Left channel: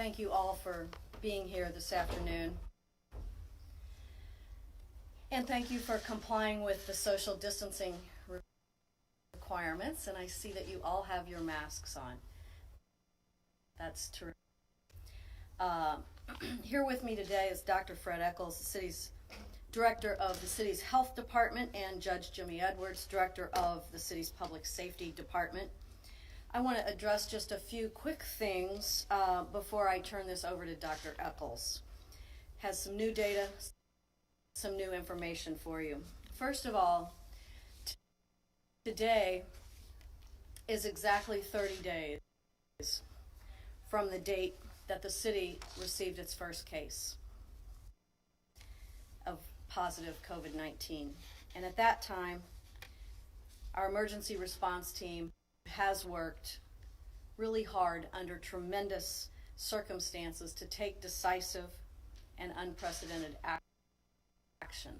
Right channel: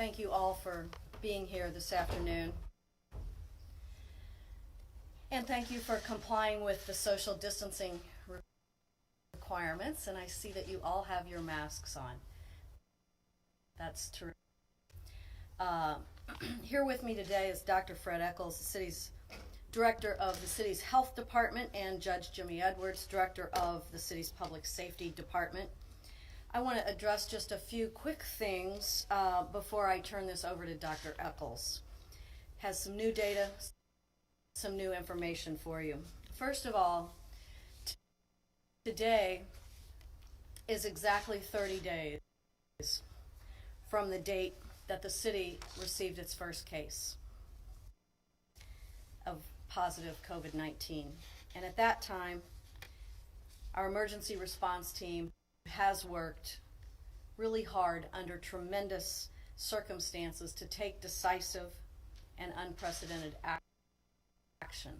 thank you all for being here this afternoon. And thank you for complying with the social distancing requirements. And I see that you all have your masks on. That's terrific. Here with me today is Dr. Fred Eccles, the city's director of the city's health department, and Judge Jimmy Edwards, director of the city's public safety department. I want to address just a few quick things before I turn this over to Dr. Eccles. Has some new data, some new information for you. First of all, today is exactly 30 days from the date that the city received its first case of positive COVID-19. And at that time, our emergency response team has worked really hard under tremendous circumstances to take decisive and unprecedented action.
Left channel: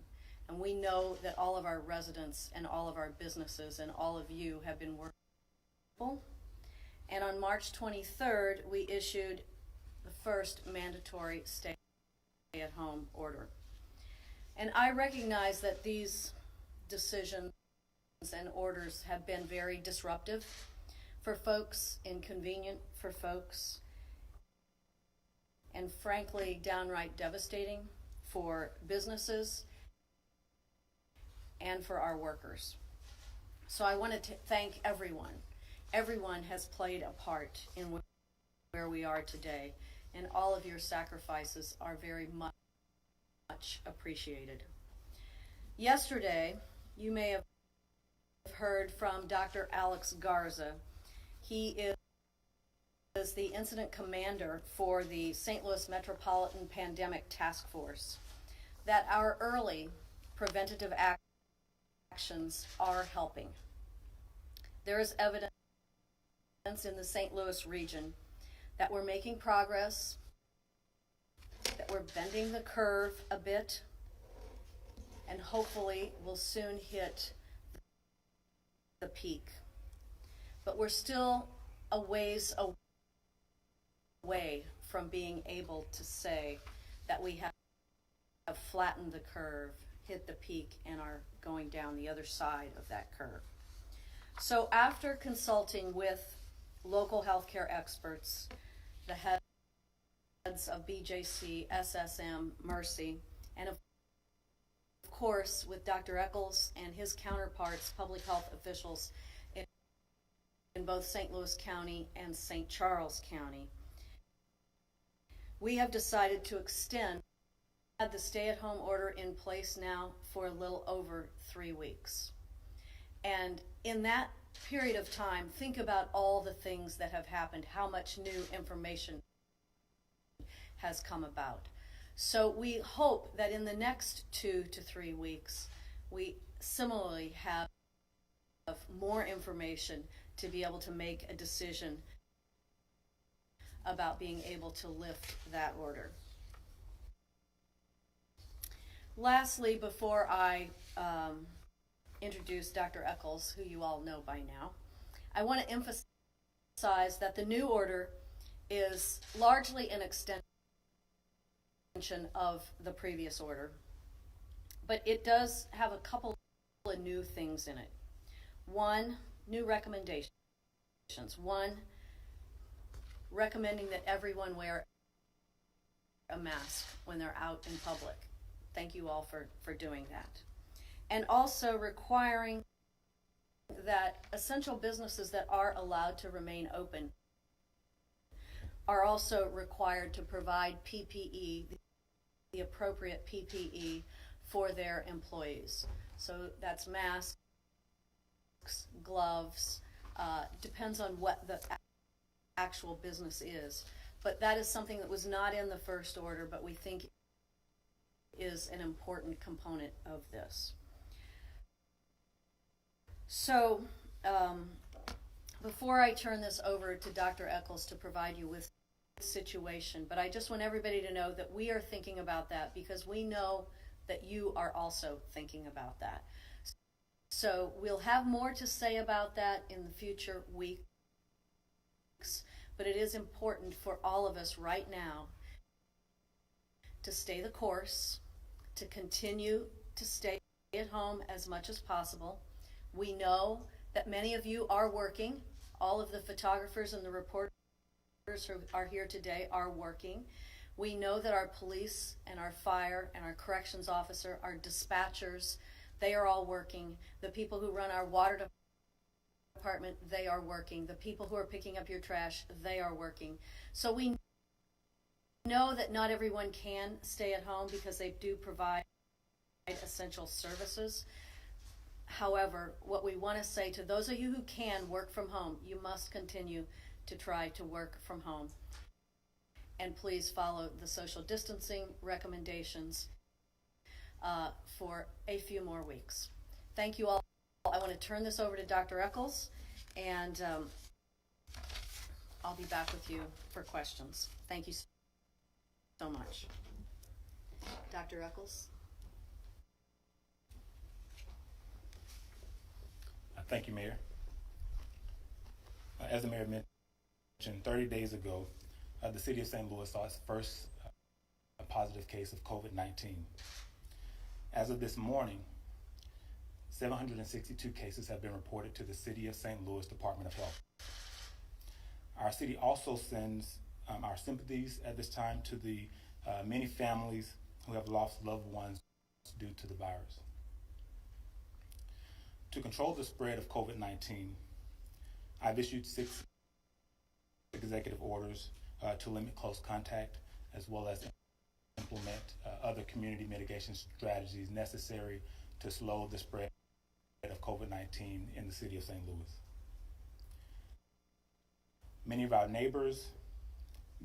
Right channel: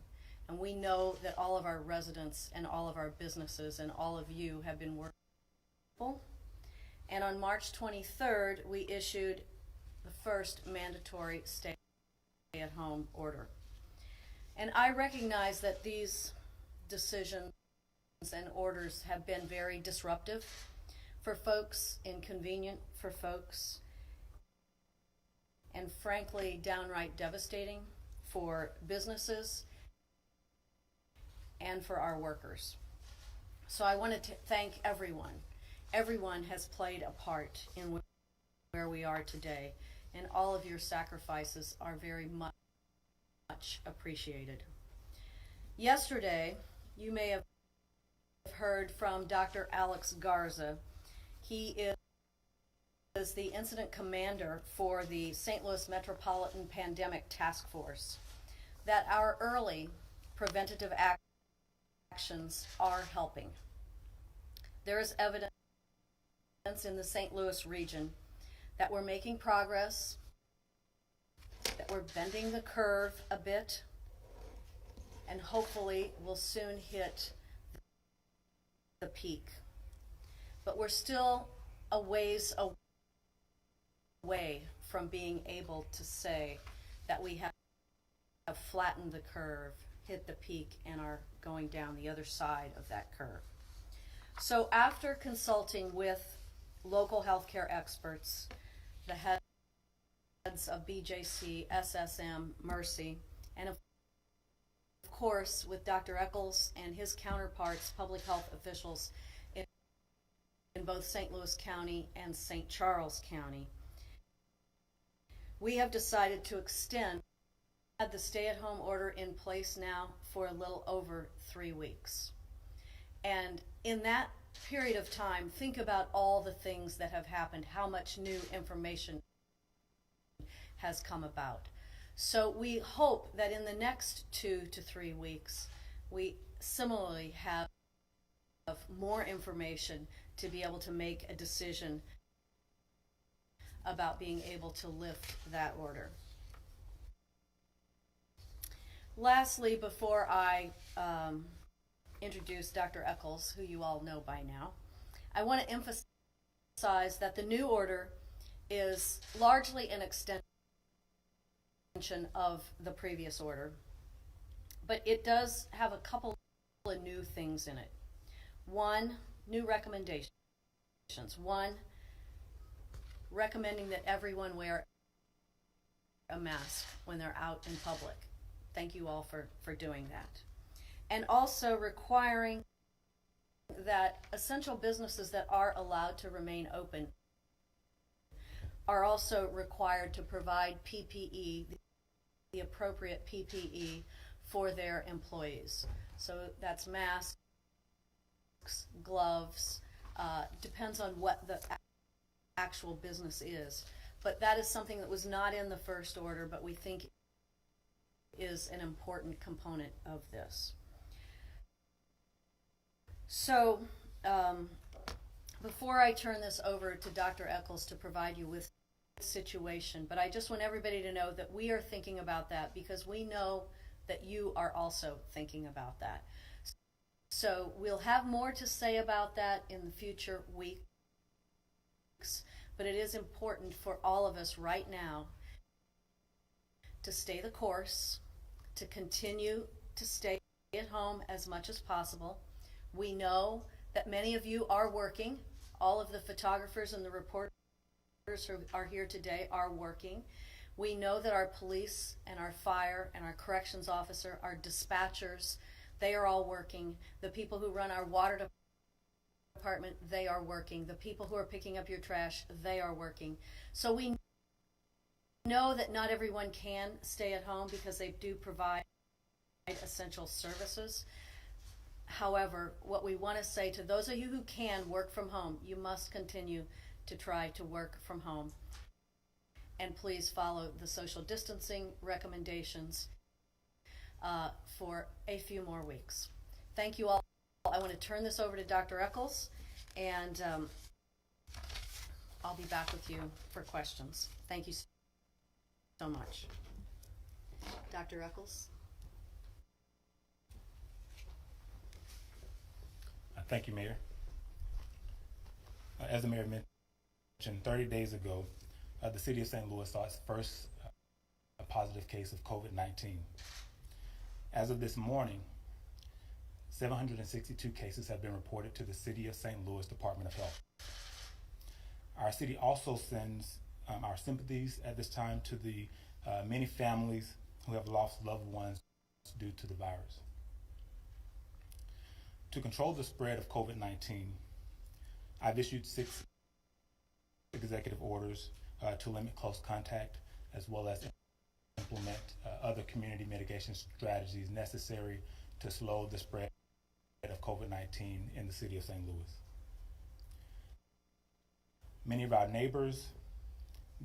And we know that all of our residents and all of our businesses and all of you have been working. And on March 23rd, we issued the first mandatory stay-at-home order. And I recognize that these decisions and orders have been very disruptive for folks, inconvenient for folks, and frankly, downright devastating for businesses and for our workers. So I want to thank everyone. Everyone has played a part in where we are today, and all of your sacrifices are very much appreciated. Yesterday, you may have heard from Dr. Alex Garza. He is the incident commander for the St. Louis Metropolitan Pandemic Task Force, that our early preventative actions are helping. There is evidence in the St. Louis region that we're making progress, that we're bending the curve a bit, and hopefully we'll soon hit the peak. But we're still a ways away from being able to say that we have flattened the curve, hit the peak, and are going down the other side of that curve. So after consulting with local healthcare experts, the heads of BJC, SSM, Mercy, and of course with Dr. Eccles and his counterparts, public health officials in both St. Louis County and St. Charles County, we have decided to extend the stay-at-home order in place now for a little over 3 weeks. And in that period of time, think about all the things that have happened, how much new information has come about. So we hope that in the next 2 to 3 weeks, we similarly have more information to be able to make a decision about being able to lift that order. Lastly, before I introduce Dr. Eccles, who you all know by now, I want to emphasize that the new order is largely an extension of the previous order, but it does have a couple of new things in it. One, new recommendations. One, recommending that everyone wear a mask when they're out in public. Thank you all for doing that. And also requiring that essential businesses that are allowed to remain open are also required to provide PPE, the appropriate PPE for their employees. So that's masks, gloves, depends on what the actual business is. But that is something that was not in the first order, but we think is an important component of this. So before I turn this over to Dr. Eccles to provide you with the situation, but I just want everybody to know that we are thinking about that because we know that you are also thinking about that. So we'll have more to say about that in the future weeks, but it is important for all of us right now to stay the course, to continue to stay at home as much as possible. We know that many of you are working. All of the photographers and the reporters who are here today are working. We know that our police and our fire and our corrections officer, our dispatchers, they are all working. The people who run our water department, they are working. The people who are picking up your trash, they are working. So we know that not everyone can stay at home because they do provide essential services. However, what we want to say to those of you who can work from home, you must continue to try to work from home. And please follow the social distancing recommendations for a few more weeks. Thank you all. I want to turn this over to Dr. Eccles, and I'll be back with you for questions. Thank you so much. Dr. Eccles? Thank you, Mayor. As the Mayor mentioned, 30 days ago, the City of St. Louis saw its first positive case of COVID-19. As of this morning, 762 cases have been reported to the City of St. Louis Department of Health. Our city also sends our sympathies at this time to the many families who have lost loved ones due to the virus. To control the spread of COVID-19, I've issued 6 executive orders to limit close contact, as well as implement other community mitigation strategies necessary to slow the spread of COVID-19 in the city of St. Louis. Many of our neighbors,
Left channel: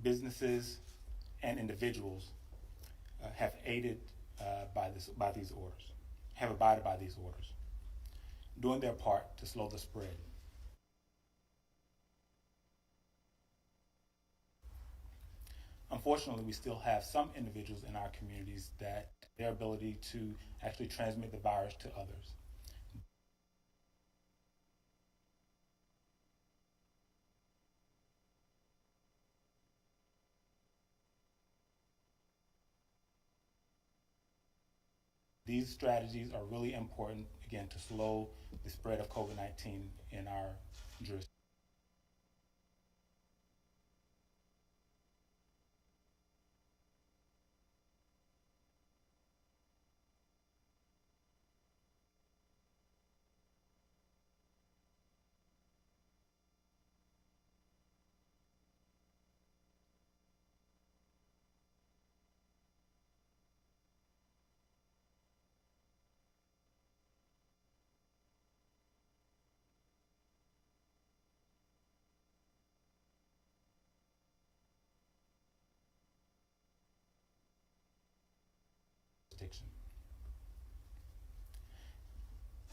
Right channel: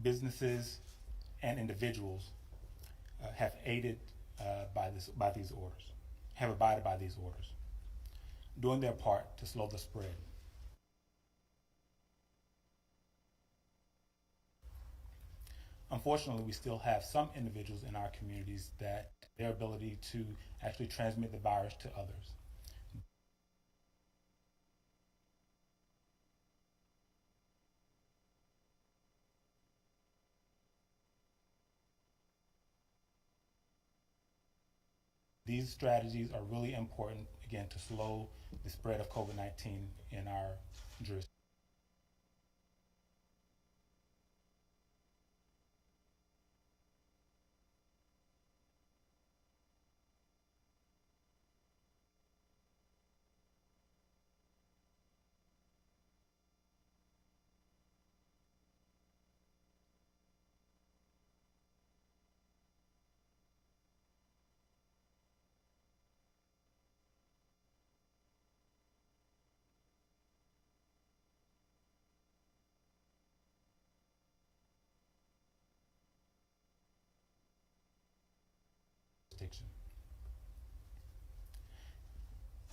businesses, and individuals have abided by these orders, doing their part to slow the spread. Unfortunately, we still have some individuals in our communities that their ability to actually transmit the virus to others. These strategies are really important, again, to slow the spread of COVID-19 in our jurisdiction.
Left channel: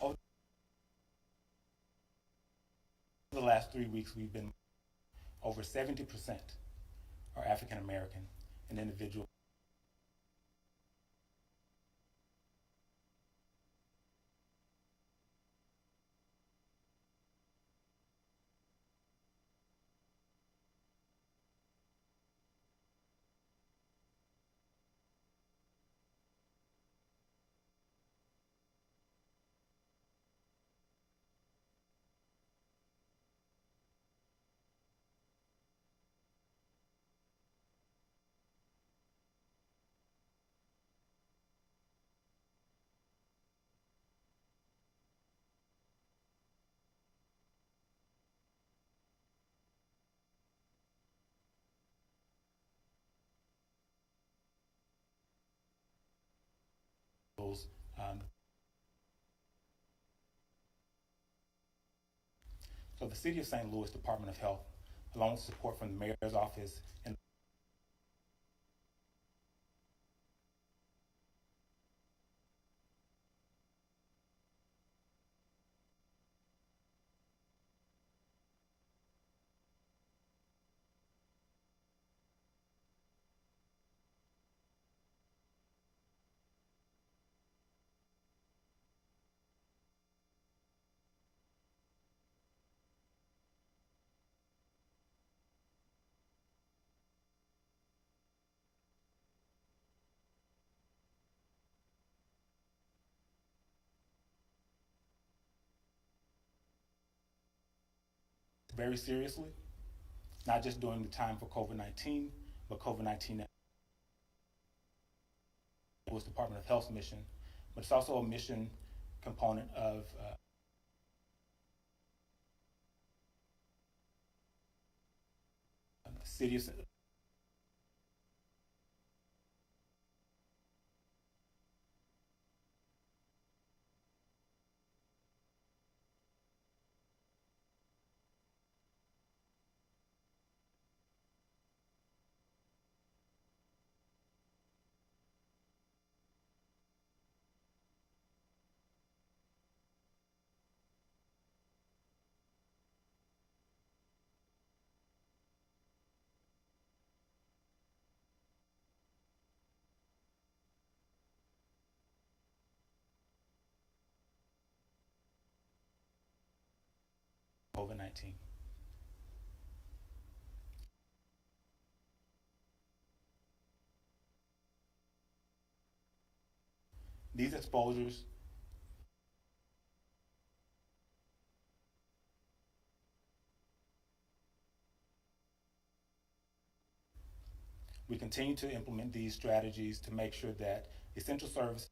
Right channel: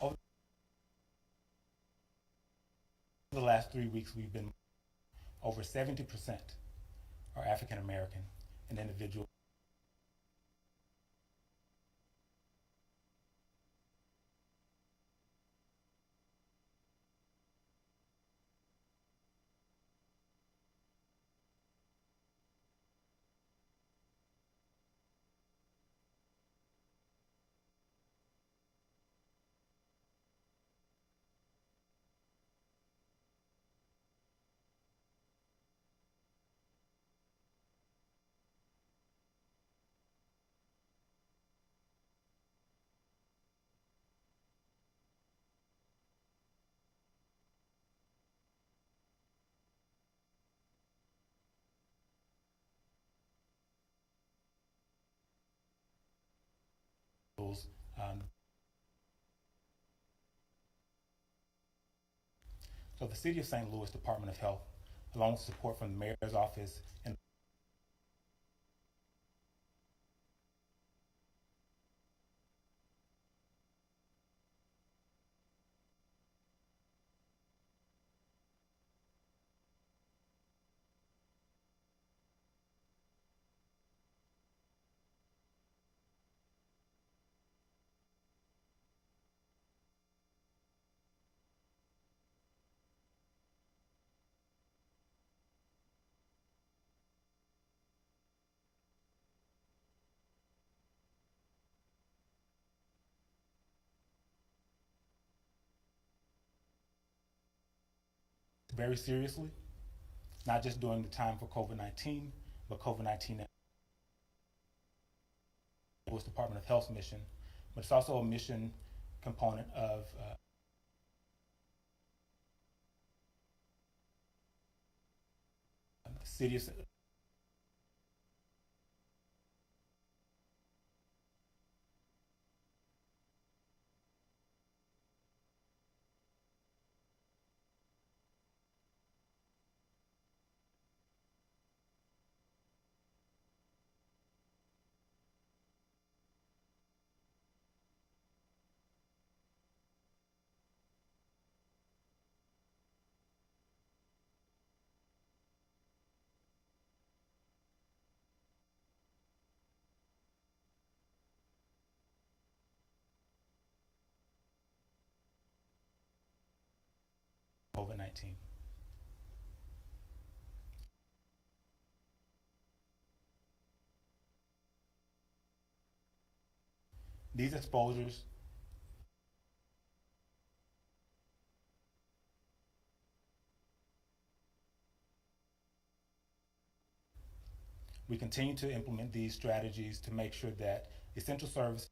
Over the last 3 weeks, we've been over 70% are African American and individuals so the City of St. Louis Department of Health, along with support from the Mayor's office and very seriously, not just during the time for COVID-19, but COVID-19 was Department of Health's mission, but it's also a mission component of the city of COVID-19. These exposures we continue to implement these strategies to make sure that essential services